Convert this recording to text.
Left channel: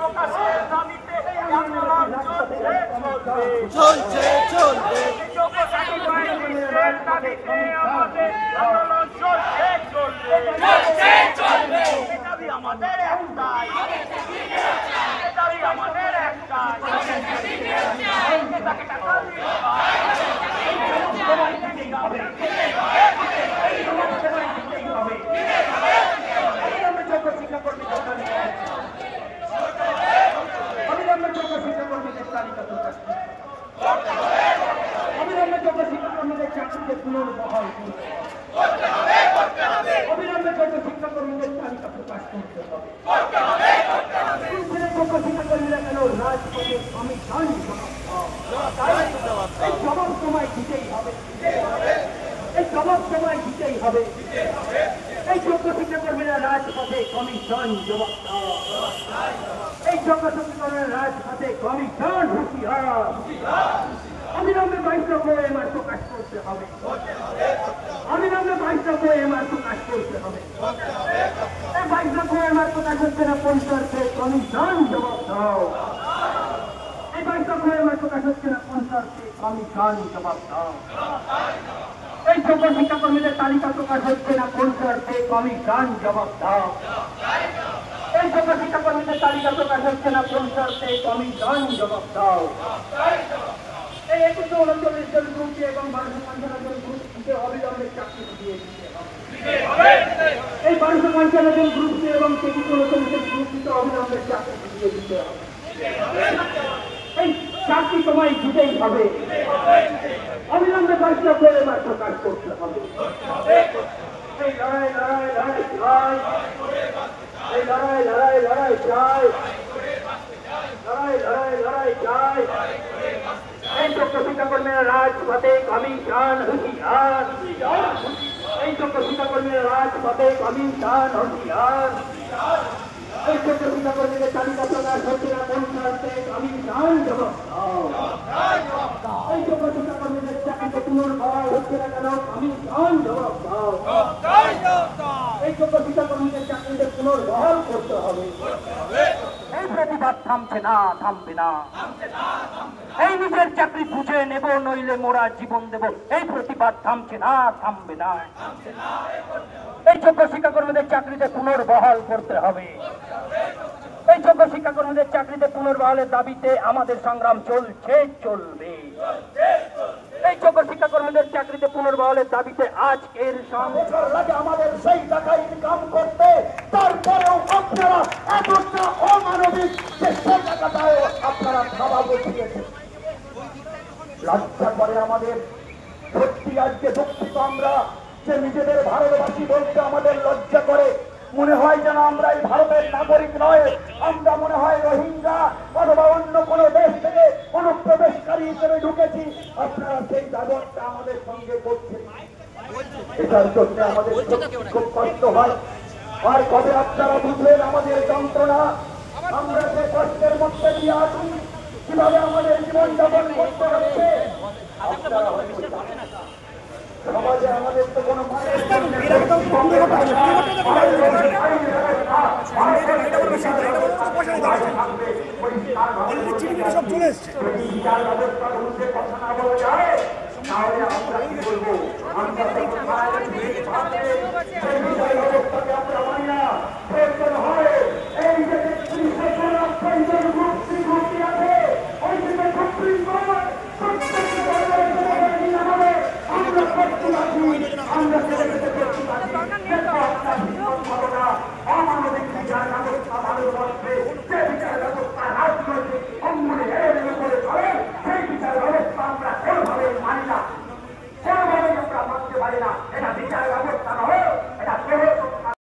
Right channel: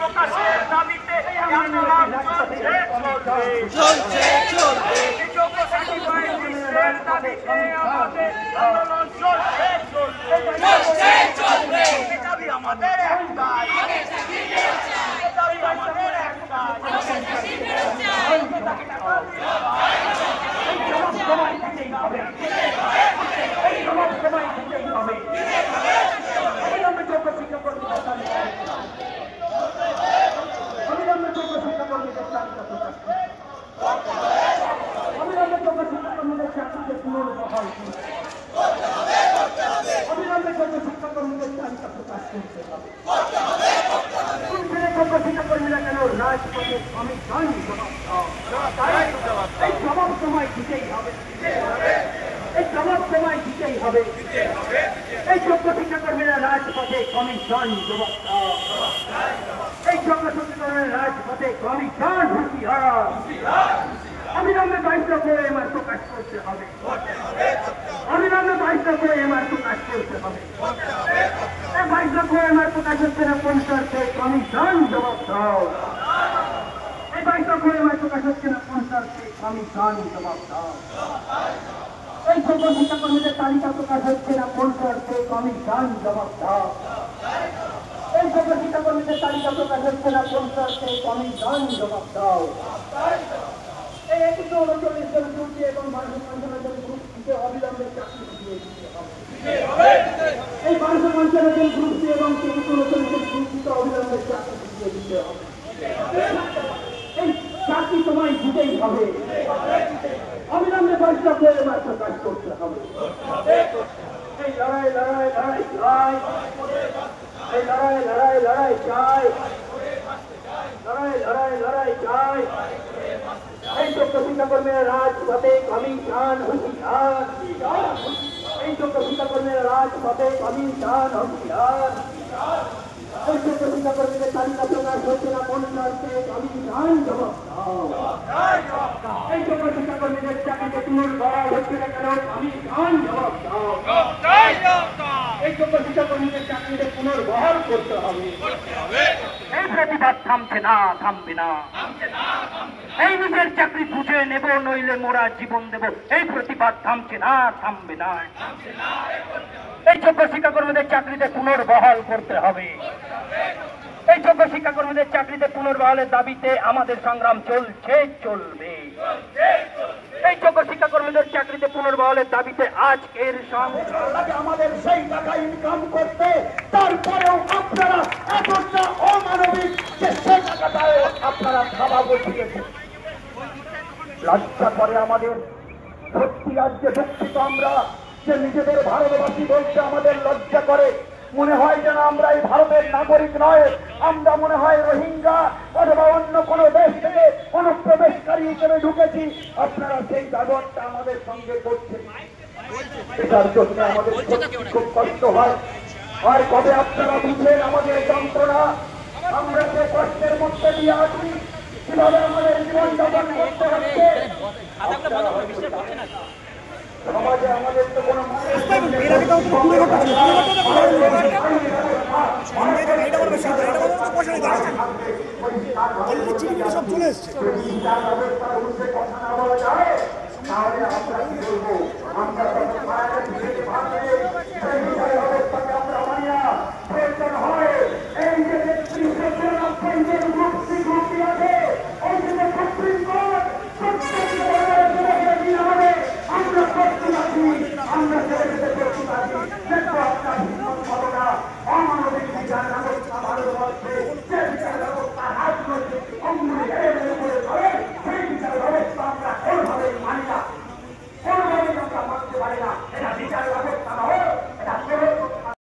প্রকাশের দাবিতে আন্দোলন চলছে আমাদের শিক্ষাকর্মীরা কেন রাজপথে আমি জানি জবাব সময় দিতেই হবে, এই জবাব সময় দিতেই হবে। এই যোগ্য শিক্ষাকর্মীরা রাজপথে কমিশন জবাব দাও, এই যোগ্য শিক্ষাকর্মীরা রাজপথে কমিশন হুঁশিয়ার। অবিলম্বে 22 এমআর প্রকাশ করতে হবে, অবিলম্বে 22 এমআর প্রকাশ করতে হবে। 22 এমআর প্রকাশ হচ্ছে না কোন শর্তে, কমিশন জবাব দাও। এই 22 এমআর প্রকাশ হচ্ছে না কোন শর্তে, কমিশন জবাব দাও। এই যোগ্য শিক্ষাকর্মীদের তালিকা প্রকাশ হচ্ছে না কোন শর্তে, কমিশন জবাব দাও। এই যোগ্য শিক্ষাকর্মীদের তালিকা প্রকাশ হচ্ছে না কোন শর্তে, কমিশন জবাব দাও। এই 139 জন গ্রুপে এবং 1255 জন গ্রুপকে অবিলম্বে চাকরি দিয়ে দিতে হবে। এই 1255 জন গ্রুপে এবং 139 জন গ্রুপকে অবিলম্বে চাকরি দিয়ে দিতে হবে। এই চাকরি সময় দিতেই হবে, অবিলম্বে 22 এমআর প্রকাশ করতে হবে। এই লড়াই লড়াই লড়াই চাই, এই লড়াই লড়াই লড়াই চাই, লড়াই লড়াই লড়াই চাই। এই যোগ্য শিক্ষাকর্মীরা রাজপথে কমিশন হুঁশিয়ার, এই যোগ্য শিক্ষাকর্মীরা রাজপথে কমিশন হুঁশিয়ার। এই যোগ্য শিক্ষাকর্মীদের তালিকা প্রকাশ হচ্ছে না কোন শর্তে, কমিশন জবাব দাও। এই যোগ্য শিক্ষাকর্মীদের চাকরিতে পুনর্বহাল হচ্ছে না কেন, কমিশন জবাব দাও। এই যোগ্য শিক্ষাকর্মীদের চাকরিতে পুনর্বহাল করতে হবে। এই প্রতিবাদ থামছে না, থামবে না। এই নিজের চাকরি বুঝে নেব, নইলে মোরা জীবন দেব। এই প্রতিবাদ থামছে না, থামবে না। এই যোগ্য শিক্ষাকর্মীদের চাকরিতে পুনর্বহাল করতে হবে। এই যোগ্য শিক্ষাকর্মীদের চাকরিতে পুনর্বহালের দাবিতে আমাদের সংগ্রাম চলছে, চলবে। এই যোগ্য শিক্ষাকর্মীদের চাকরিতে পুনর্বহালের দাবিতে আজকের সংগ্রাম আমাদের সেই টাকা ইনকাম করতে, তারপরেও আপনারা এতটা অমানবিক যে সেই টাকাটাও আপনারা খাওয়া বসিয়েছেন। লজ্জা করে আমাদের, সত্যি আজকে দুঃখিত আমরা যে নিজেদের ভারতবাসী বলতে আমাদের লজ্জা করে। মনে হয় যেন আমরা এই ভারতের নাগরিক নয়, আমরা মনে হয় রোহিঙ্গা অথবা অন্য কোন দেশ থেকে অনুপ্রবেশকারী হিসেবে ঢুকেছি। আপনারা সেই ব্যবহারটা আমাদের সঙ্গে করছেন, এটার জন্য আমাদের খুব কষ্ট হয়। আর কবে আপনারা বুঝবেন আমাদের যন্ত্রণা, আমরা যে কষ্টের মধ্যে দিয়ে আছি, কিভাবে আমাদের জীবনযাপন করতে হচ্ছে। সমাজে আমাদের তো কোনো সব চলে এসছে, ব্যবস্থার বিরুদ্ধে কথা না বলা যায় তাহলে আমরা কি বলবো।